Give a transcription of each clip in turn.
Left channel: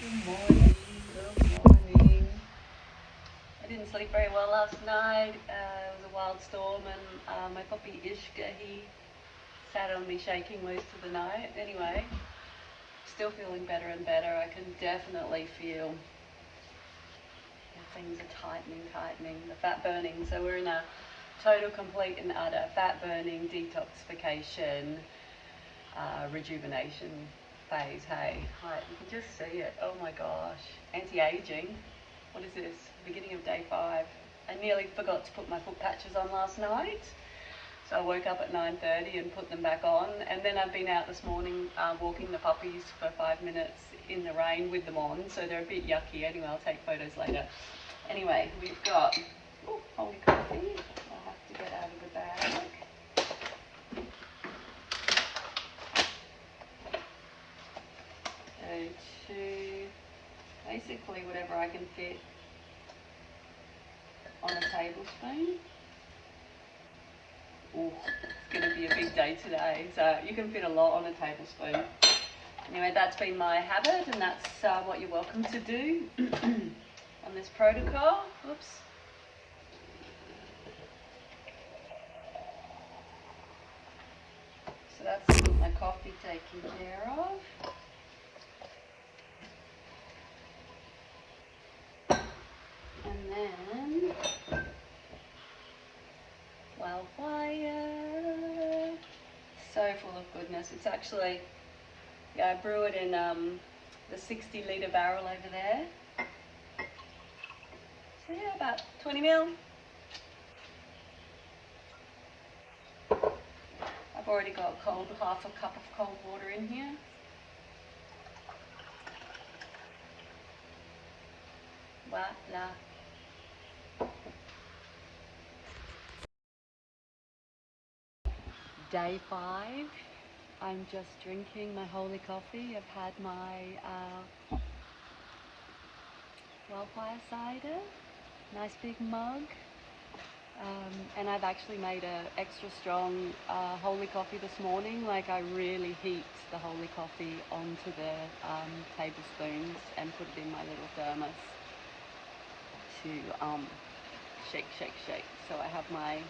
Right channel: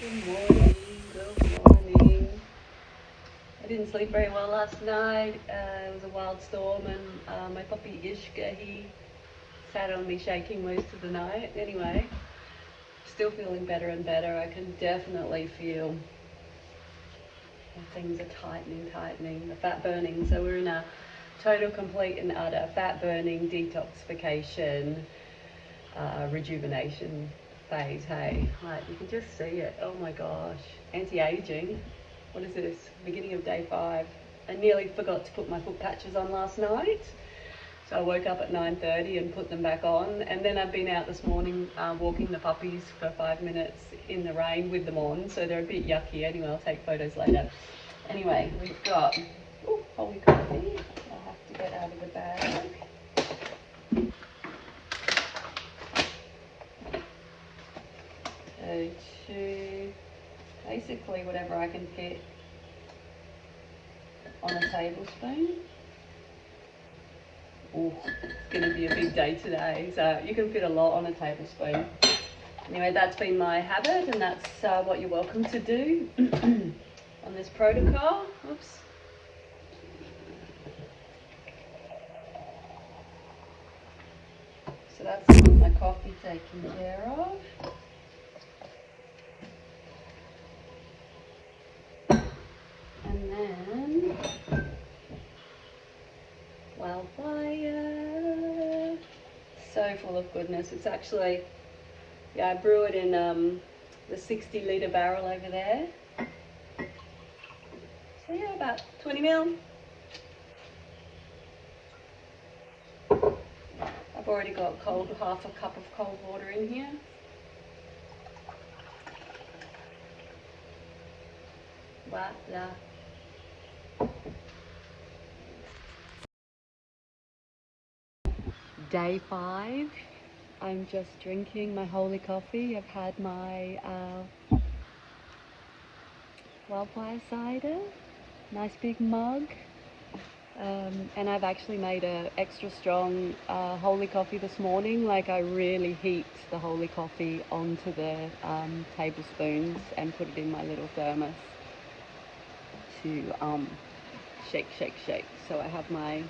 Good morning, good morning. I didn't sleep very well last night. It was a wild storm and my puppy Ishka, he sat on me shaking most of the night. Anyway, still feeling better and better. I can definitely feel things are tightening, the fat burning. So we're in a total, complete and utter fat burning, detoxification, rejuvenation phase. Hey, like you can just see it. Oh my gosh, anti-aging. What is this? Beginning of day 5. I nearly forgot to put my foot patches on last night, so I woke up at 9:30 and put them back on. And then I've been out this morning walking the puppies for 5 minutes in the rain with them on, so they're a bit yucky. Anyway, I'll take photos later. Anyway, we've got holy coffee. I have to get out of the bag. So basically whatever I can fit on a tablespoon. Oh, it's going to be a big day today. So you can fit a lot on a tablespoon. Anyway, that's been my habit, and that's what you're welcome to do on this protocol. Oops. So that's my coffee taken care of. And then wildfire, so full of goodness. It's actually, yeah, I brew it in the 60-litre barrel over there. So yeah, about 20 mil. I've already got half a cup of cold water in here. Voila. Day 5. I'm just drinking my holy coffee. I've had my wildfire cider, nice big mug, and I've actually made a extra strong holy coffee this morning. Like I really heat the holy coffee onto the tablespoons and put it in my little thermos to shake. So I have my,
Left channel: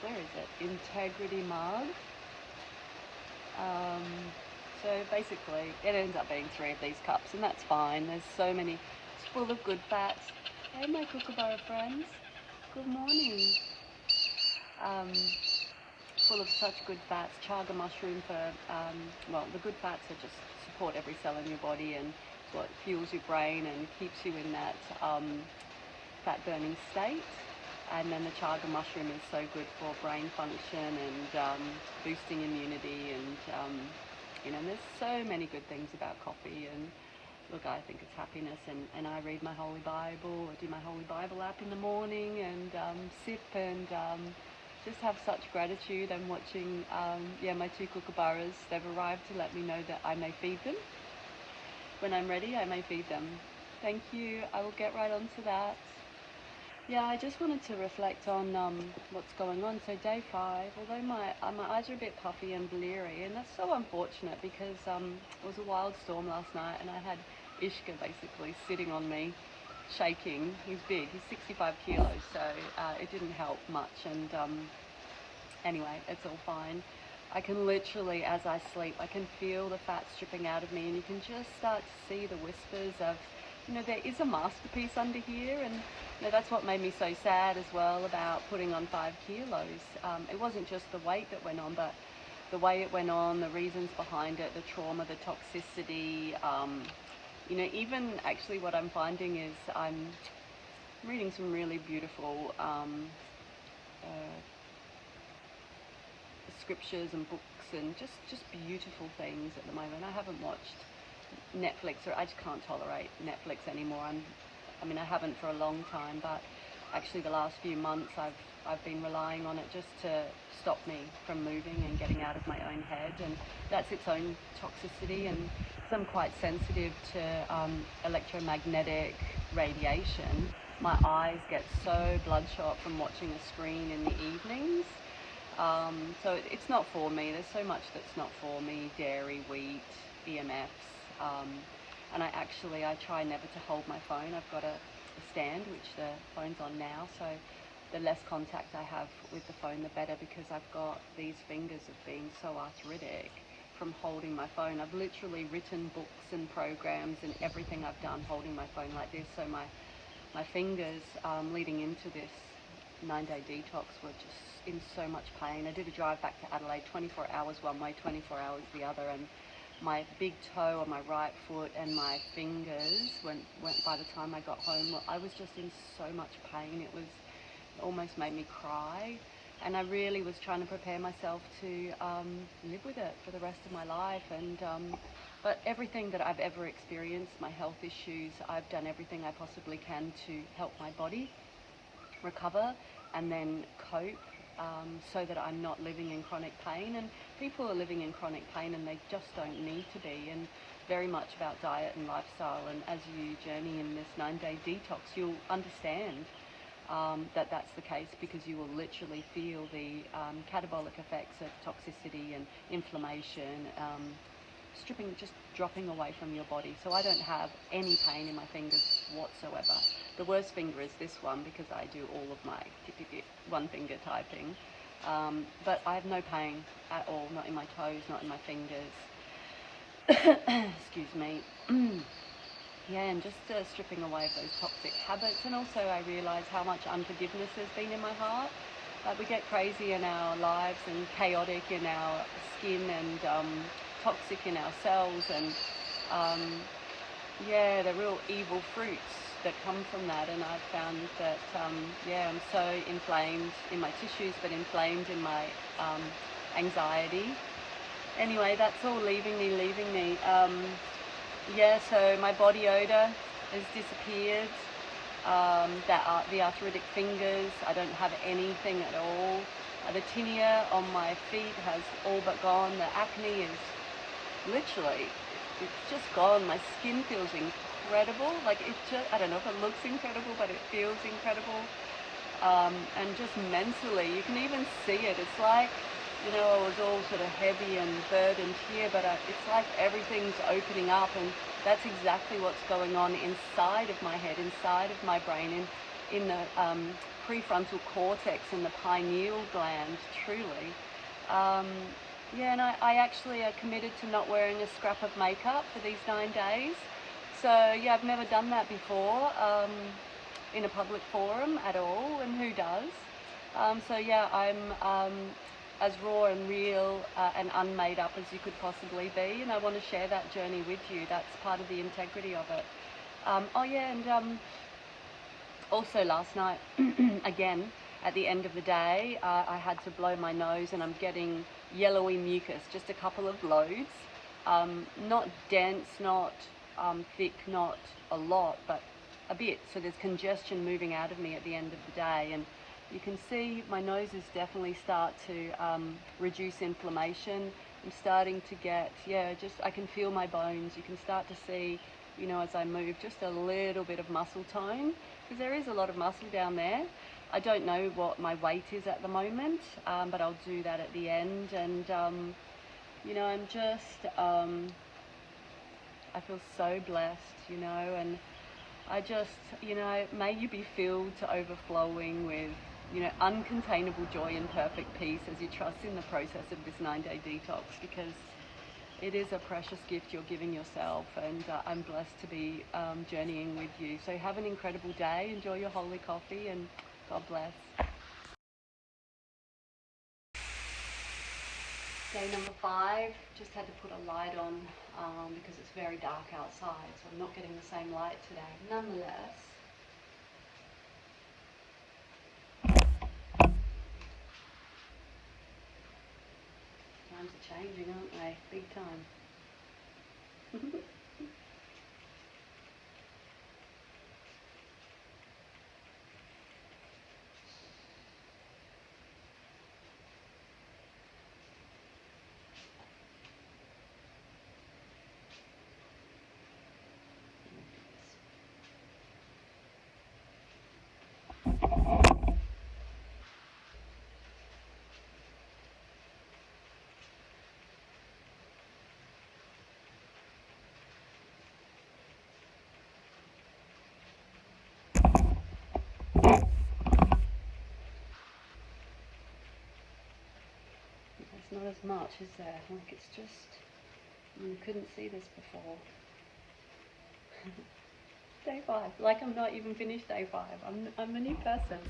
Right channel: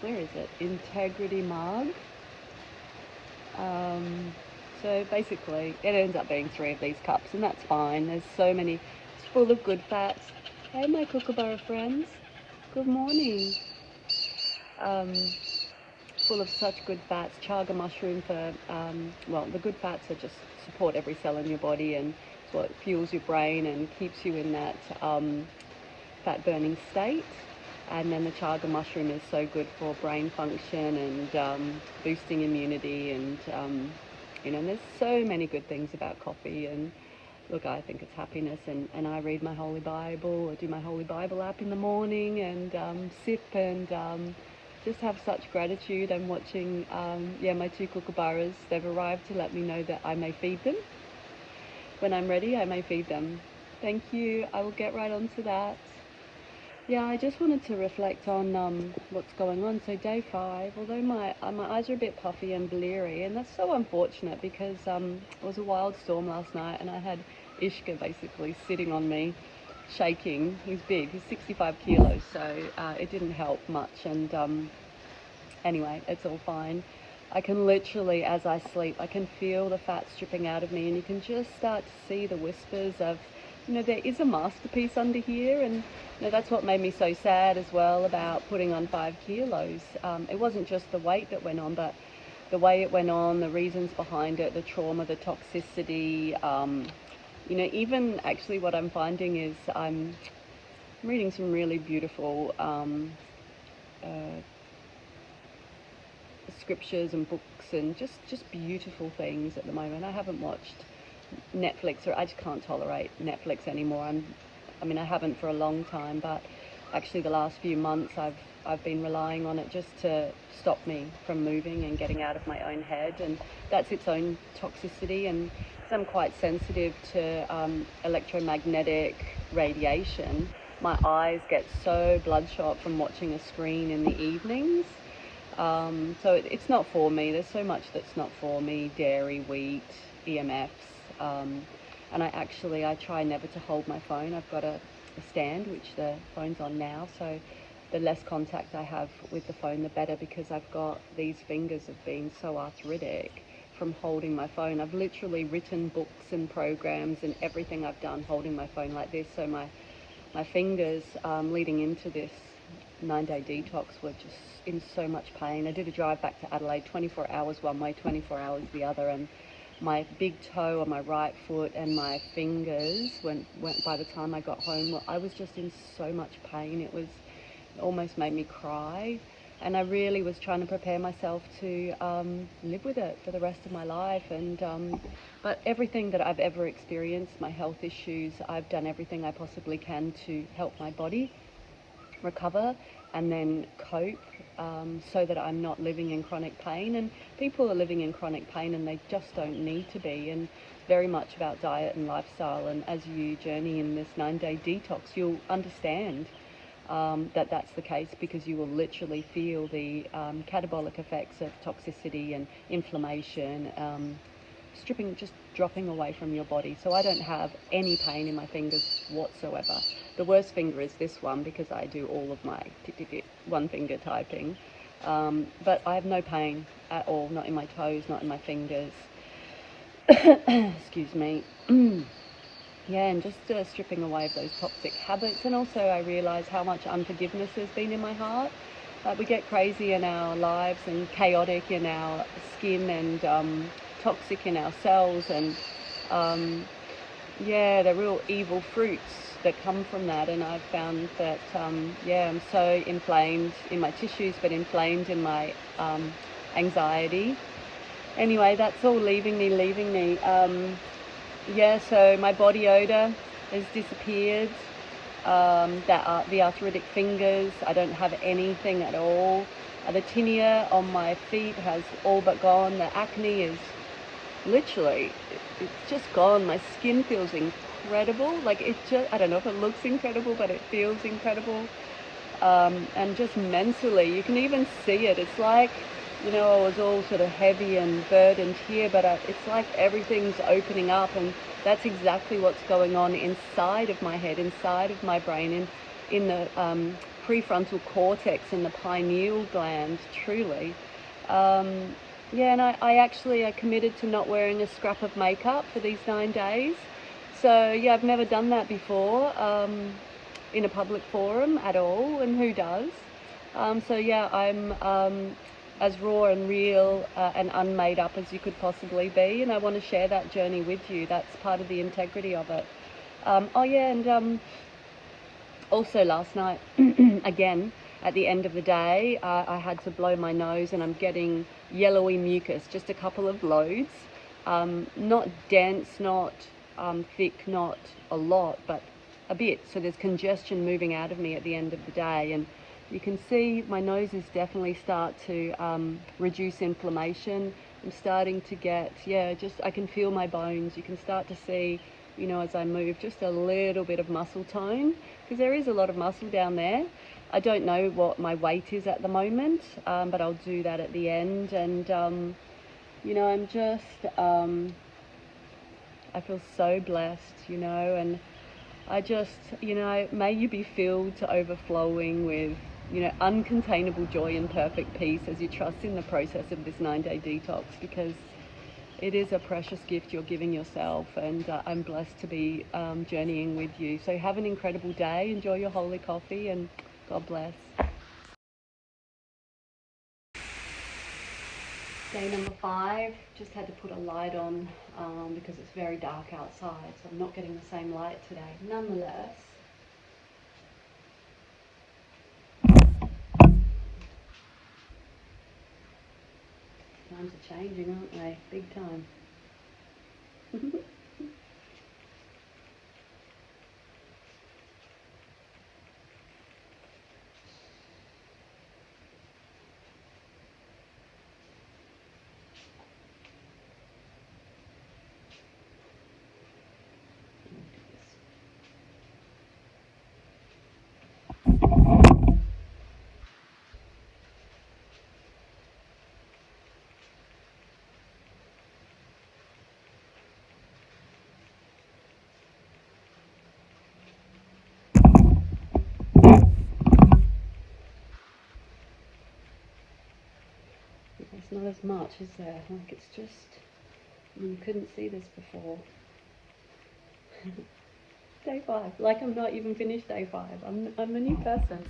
where is it? Integrity mug. So basically it ends up being 3 of these cups, and that's fine. There's so many, it's full of good fats. Hey my kookaburra friends, good morning. Full of such good fats. Chaga mushroom for, well, the good fats are just support every cell in your body, and it's what fuels your brain and keeps you in that fat burning state. And then the chaga mushroom is so good for brain function and boosting immunity, and you know, there's so many good things about coffee. And look, I think it's happiness, and I read my Holy Bible, or do my Holy Bible app in the morning, and sip and just have such gratitude. I'm watching, yeah, my 2 kookaburras. They've arrived to let me know that I may feed them. When I'm ready, I may feed them. Thank you. I will get right onto that. Yeah, I just wanted to reflect on what's going on. So day 5, although my eyes are a bit puffy and bleary, and that's so unfortunate because it was a wild storm last night, and I had Ishka basically sitting on me, shaking. He's big, he's 65 kilos, so it didn't help much. And anyway, it's all fine. I can literally, as I sleep, I can feel the fat stripping out of me, and you can just start to see the whispers of, you know, there is a masterpiece under here. And you know, that's what made me so sad as well about putting on 5 kilos. It wasn't just the weight that went on, but the way it went on, the reasons behind it, the trauma, the toxicity. You know, even actually what I'm finding is I'm reading some really beautiful scriptures and books, and just beautiful things at the moment. I haven't watched Netflix, or I just can't tolerate Netflix anymore. I mean, I haven't for a long time, but actually the last few months I've been relying on it just to stop me from moving and getting out of my own head, and that's its own toxicity. And because I'm quite sensitive to electromagnetic radiation, my eyes get so bloodshot from watching a screen in the evenings. So it's not for me. There's so much that's not for me: dairy, wheat, EMFs. And I try never to hold my phone. I've got a stand, which the phone's on now, so the less contact I have with the phone, the better, because I've got, these fingers have been so arthritic from holding my phone. I've literally written books and programs and everything I've done holding my phone like this. So my fingers leading into this 9-day detox were just in so much pain. I did a drive back to Adelaide, 24 hours one way, 24 hours the other, and my big toe on my right foot and my fingers went by the time I got home, I was just in so much pain. It almost made me cry. And I really was trying to prepare myself to live with it for the rest of my life. And but everything that I've ever experienced, my health issues, I've done everything I possibly can to help my body recover and then cope, so that I'm not living in chronic pain. And people are living in chronic pain and they just don't need to be. And very much about diet and lifestyle. And as you journey in this 9-day detox, you'll understand that that's the case, because you will literally feel the catabolic effects of toxicity and inflammation, just dropping away from your body. So I don't have any pain in my fingers whatsoever. The worst finger is this one, because I do all of my one finger typing. But I have no pain at all, not in my toes, not in my fingers. Excuse me. Yeah, and just stripping away of those toxic habits. And also I realise how much unforgiveness has been in my heart. We get crazy in our lives and chaotic in our skin and toxic in our cells. And yeah, the real evil fruits that come from that. And I've found that, yeah, I'm so inflamed in my tissues, but inflamed in my anxiety. Anyway, that's all leaving me. Yeah, so my body odor has disappeared. The arthritic fingers, I don't have anything at all. The tinea on my feet has all but gone. The acne is literally, it's just gone. My skin feels incredible. Like I don't know if it looks incredible, but it feels incredible. And just mentally, you can even see it. It's like, you know, I was all sort of heavy and burdened here, but it's like everything's opening up, and that's exactly what's going on inside of my head, inside of my brain, in the prefrontal cortex and the pineal gland, truly. Yeah, and I actually committed to not wearing a scrap of makeup for these 9 days. So yeah, I've never done that before in a public forum at all, and who does? So yeah, I'm as raw and real and unmade up as you could possibly be, and I want to share that journey with you. That's part of the integrity of it. Oh yeah, and also last night, again, at the end of the day, I had to blow my nose, and I'm getting yellowy mucus, just a couple of loads, not dense, not thick, not a lot, but a bit. So there's congestion moving out of me at the end of the day, and you can see my noses definitely start to reduce inflammation. I'm starting to get, yeah, just I can feel my bones. You can start to see, you know, as I move, just a little bit of muscle tone, because there is a lot of muscle down there. I don't know what my weight is at the moment, but I'll do that at the end. And, you know, I'm just, I feel so blessed, you know, and I just, you know, may you be filled to overflowing with, you know, uncontainable joy and perfect peace as you trust in the process of this 9-day detox, because it is a precious gift you're giving yourself, and I'm blessed to be journeying with you. So have an incredible day, enjoy your holy coffee, and God bless. Day number 5, just had to put a light on because it's very dark outside, so I'm not getting the same light today. Nonetheless, times are changing, aren't they? Big time. not as much, is there? Like, it's just, you couldn't see this before. Day 5. Like, I'm not even finished day 5. I'm a new person.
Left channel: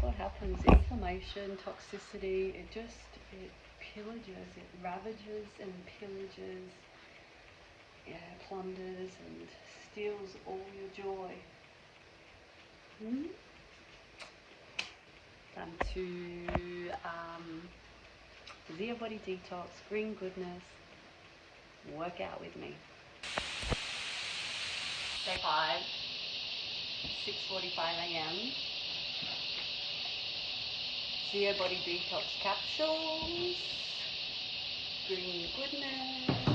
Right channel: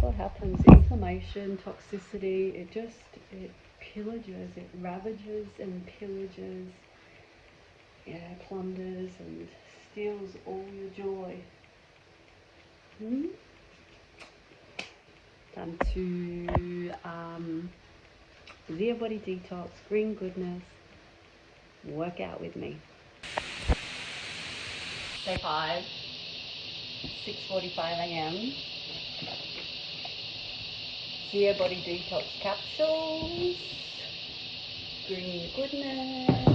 What happens? Inflammation, toxicity, it pillages, it ravages and pillages, yeah, plunders and steals all your joy. Time to Zero Body Detox, Green Goodness, work out with me. Day 5, 6:45 a.m. Zero Body Detox capsules, Green Goodness.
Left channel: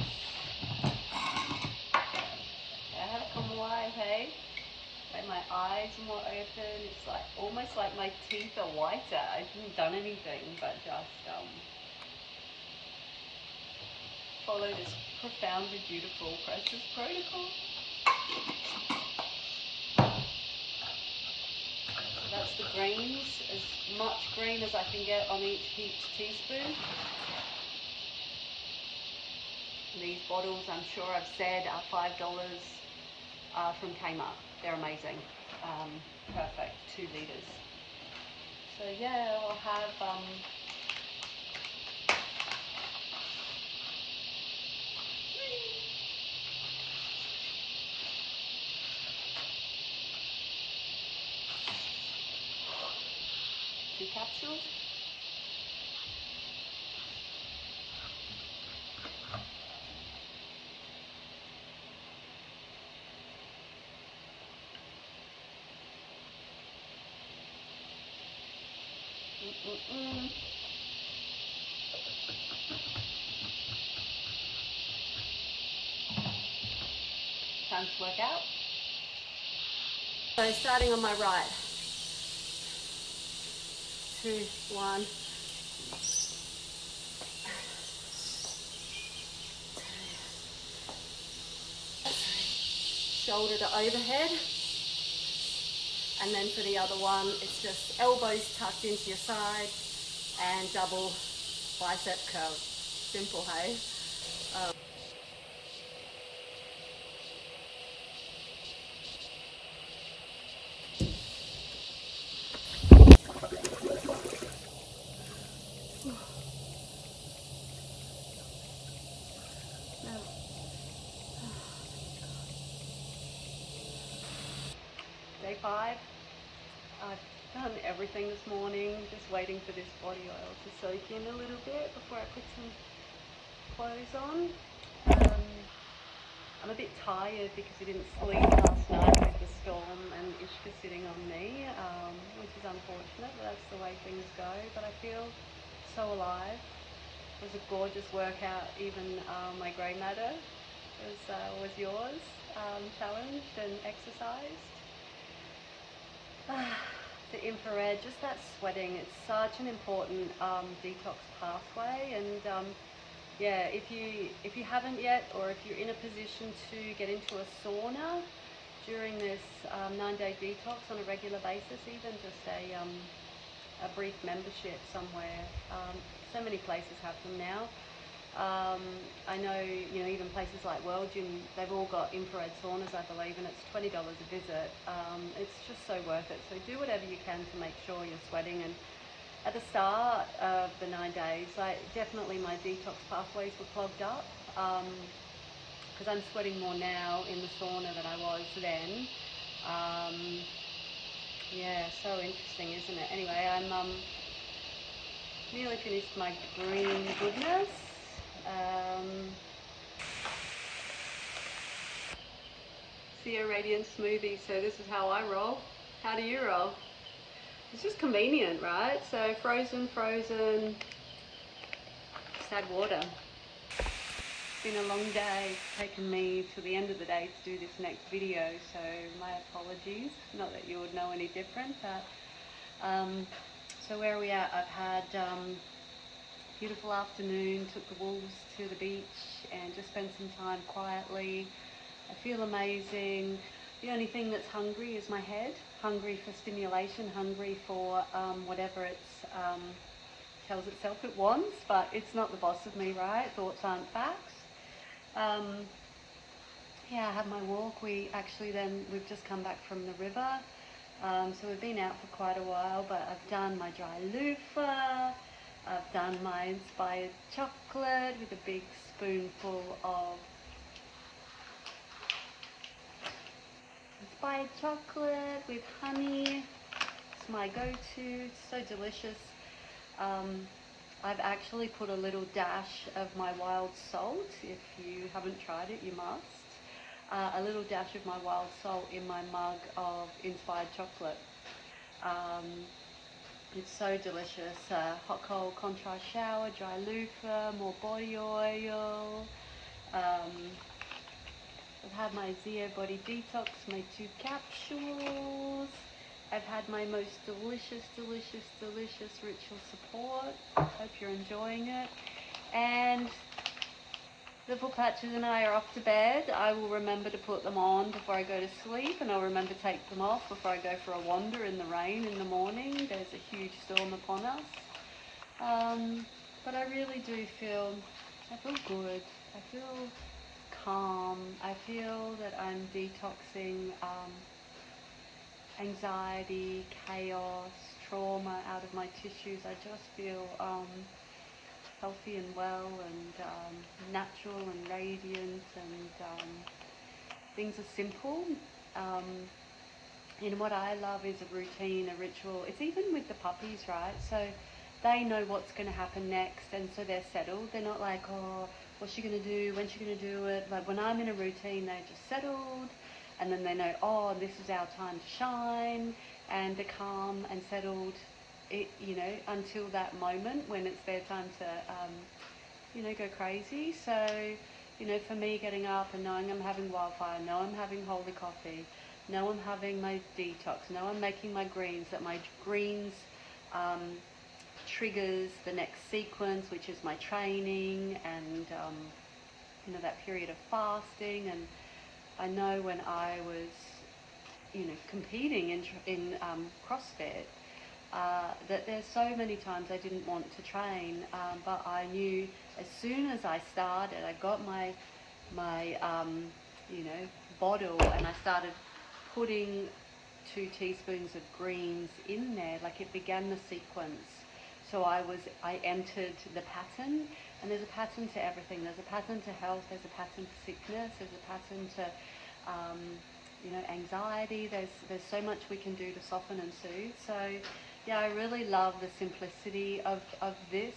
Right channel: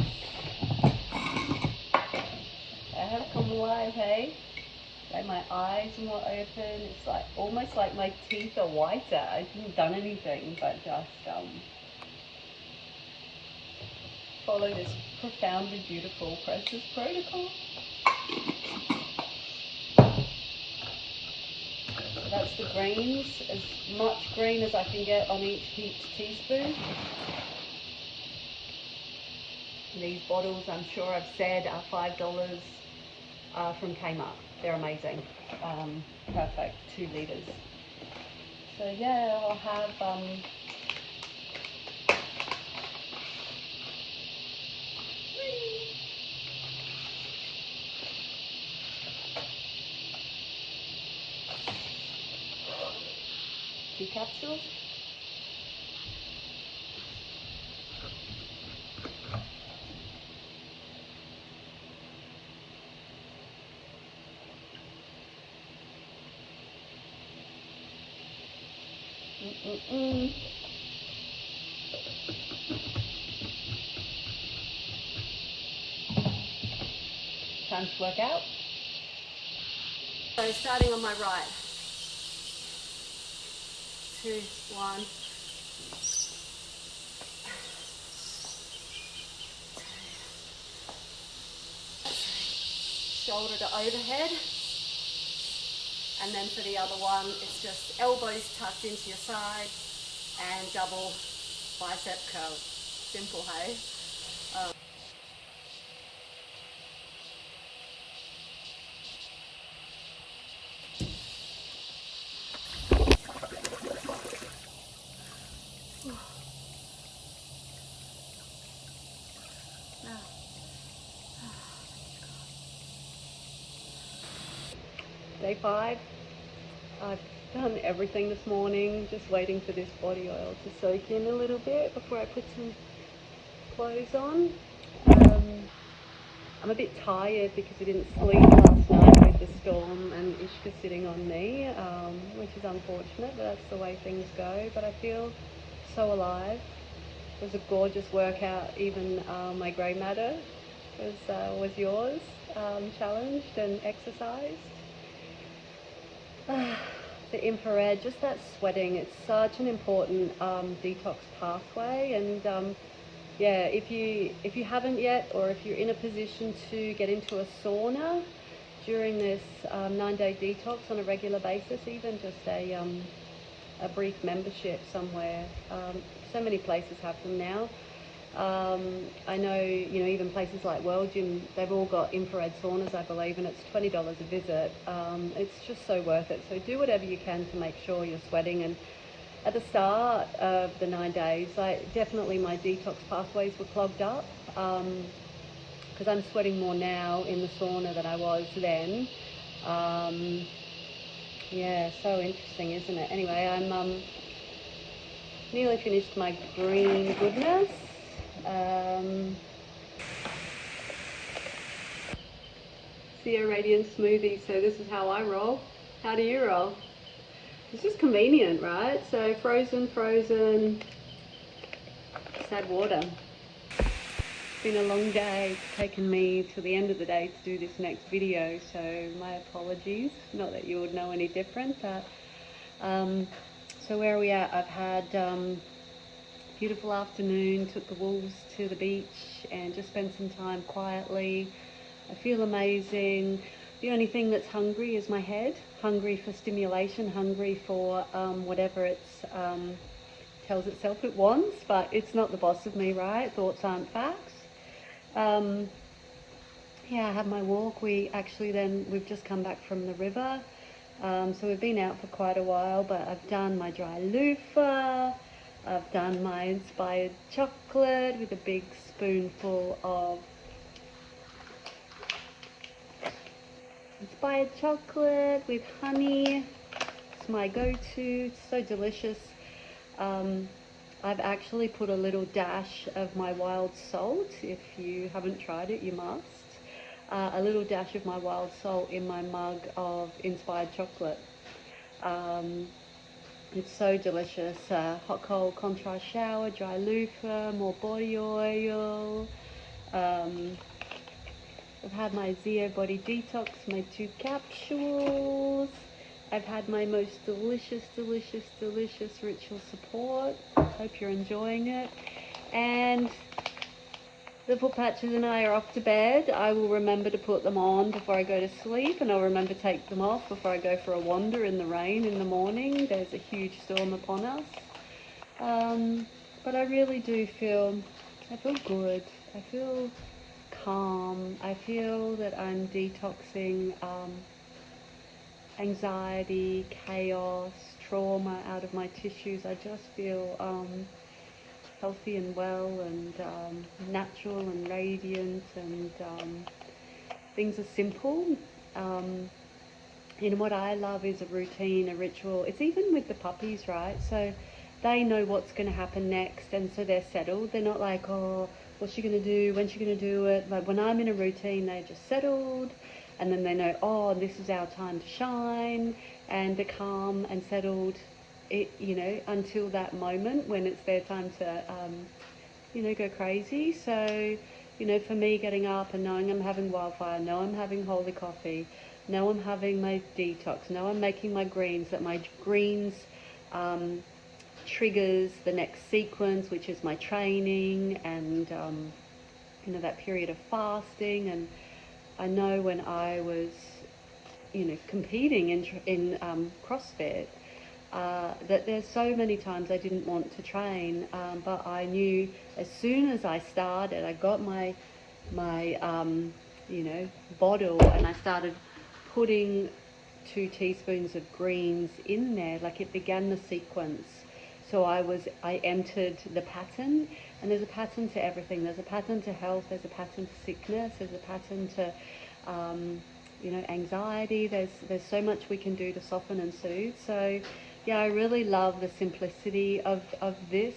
Come alive, hey? Like, my eyes are more open. It's like almost like my teeth are whiter. I haven't done anything but just follow this profoundly beautiful process protocol. So that's the greens, as much green as I can get on each teaspoon. And these bottles, I'm sure I've said, are $5 from Kmart. They're amazing. Perfect, 2 litres. So yeah, I'll have 2 capsules. Time to work out. So starting on my right. 2, 1. Shoulder to overhead. And then for the other one, it's just elbows tucked into your side and double bicep curl. Simple, hey? Day 5. I've done everything this morning, just waiting for this body oil to soak in a little bit before I put some clothes on. I'm a bit tired because I didn't sleep last night with the storm and Ishka sitting on me, which is unfortunate, but that's the way things go. But I feel so alive. It was a gorgeous workout. Even my grey matter was yours, challenged and exercised. The infrared, just that sweating, it's such an important detox pathway. And yeah, if you haven't yet, or if you're in a position to get into a sauna during this 9-day detox on a regular basis, even just a brief membership somewhere. So many places have them now. I know, even places like World Gym, they've all got infrared saunas, I believe, and it's $20 a visit. It's just so worth it. So do whatever you can to make sure you're sweating. And at the start of the 9 days, definitely my detox pathways were clogged up, because I'm sweating more now in the sauna than I was then. Yeah, so interesting, isn't it? Anyway, I'm nearly finished my Green Goodness. Zero Radiance smoothie. So this is how I roll. How do you roll? It's just convenient, right? So frozen, just add water. It's been a long day. It's taken me till the end of the day to do this next video, so my apologies. Not that you would know any different, but so where are we at? I've had beautiful afternoon, took the wolves to the beach and just spent some time quietly. I feel amazing. The only thing that's hungry is my head, hungry for stimulation, hungry for whatever it's tells itself it wants, but it's not the boss of me, right? Thoughts aren't facts. Yeah, I had my walk. We've just come back from the river. So we've been out for quite a while, but I've done my dry loofah. I've done my inspired chocolate with a big spoonful of inspired chocolate with honey. It's my go-to. It's so delicious. I've actually put a little dash of my wild salt. If you haven't tried it, you must. A little dash of my wild salt in my mug of inspired chocolate. It's so delicious. Hot cold contrast shower, dry loofah, more body oil. I've had my Zeo Body Detox, my 2 capsules. I've had my most delicious ritual support. Hope you're enjoying it. And the foot patches and I are off to bed. I will remember to put them on before I go to sleep, and I'll remember to take them off before I go for a wander in the rain in the morning. There's a huge storm upon us. But I really do feel good. I feel calm. I feel that I'm detoxing anxiety, chaos, trauma out of my tissues. I just feel healthy and well and natural and radiant, and things are simple. What I love is a routine, a ritual. It's even with the puppies, right? So they know what's going to happen next, and so they're settled. They're not like, oh, what's she going to do? When's she going to do it? Like when I'm in a routine, they're just settled, and then they know, oh, this is our time to shine, and they're calm and settled, until that moment when it's their time to, go crazy. So, for me, getting up and knowing I'm having wildfire, know I'm having holy coffee, know I'm having my detox, know I'm making my greens, that my greens triggers the next sequence, which is my training and, that period of fasting. And I know when I was, competing in CrossFit, that there's so many times I didn't want to train, but I knew as soon as I started, I got my bottle, and I started putting 2 teaspoons of greens in there, like it began the sequence. So I entered the pattern, and there's a pattern to everything. There's a pattern to health, there's a pattern to sickness, there's a pattern to anxiety. There's so much we can do to soften and soothe. So yeah, I really love the simplicity of this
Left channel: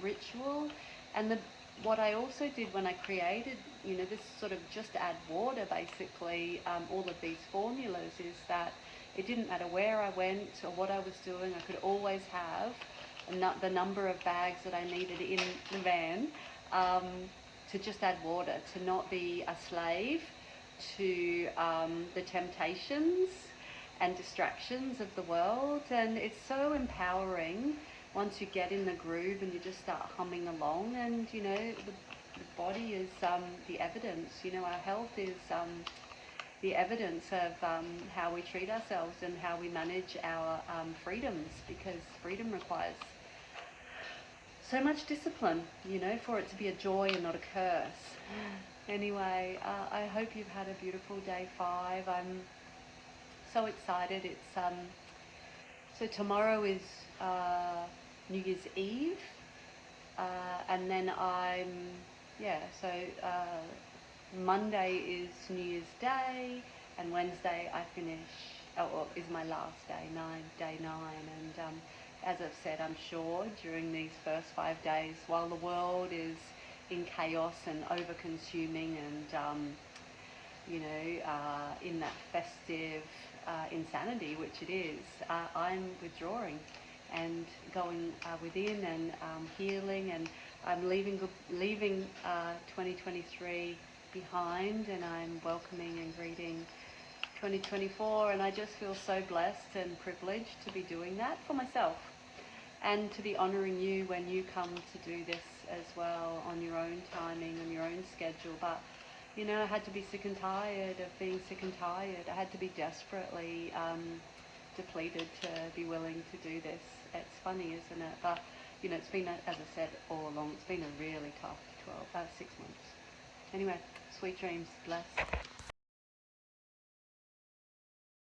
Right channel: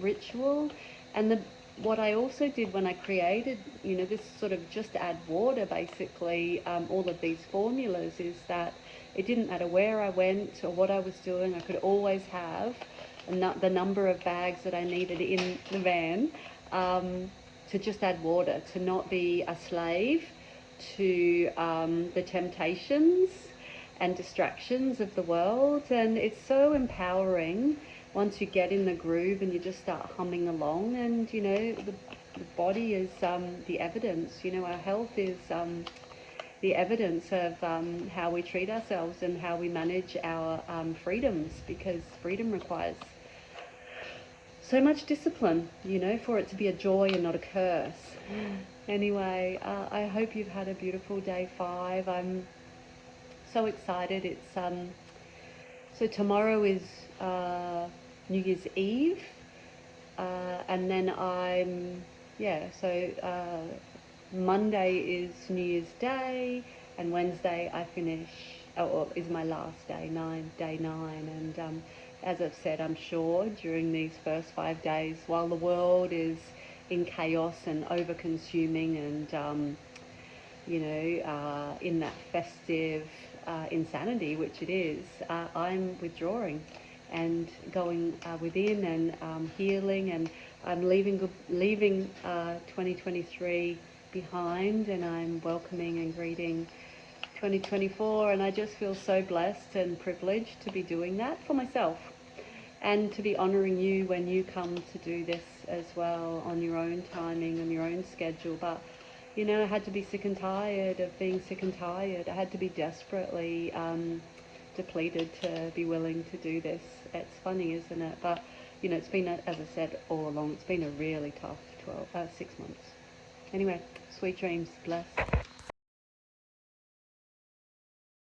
ritual. And what I also did when I created, this sort of just add water, basically, all of these formulas, is that it didn't matter where I went or what I was doing. I could always have the number of bags that I needed in the van to just add water, to not be a slave to the temptations and distractions of the world. And it's so empowering once you get in the groove and you just start humming along. And the body is the evidence. Our health is the evidence of how we treat ourselves and how we manage our freedoms, because freedom requires so much discipline, for it to be a joy and not a curse. Anyway, I hope you've had a beautiful day 5. I'm so excited. It's so tomorrow is New Year's Eve, and then Monday is New Year's Day, and Wednesday I finish, is my last day, day 9. And as I've said, I'm sure during these first 5 days, while the world is in chaos and over-consuming and, in that festive insanity, which it is, I'm withdrawing and going within and healing, and I'm leaving 2023 behind, and I'm welcoming and greeting 2024, and I just feel so blessed and privileged to be doing that for myself, and to be honouring you when you come to do this as well, on your own timing, on your own schedule. But I had to be sick and tired of being sick and tired. I had to be desperately depleted to be willing to do this. It's funny, isn't it? But you know, it's been, as I said all along, it's been a really tough 6 months. Anyway, sweet dreams, bless.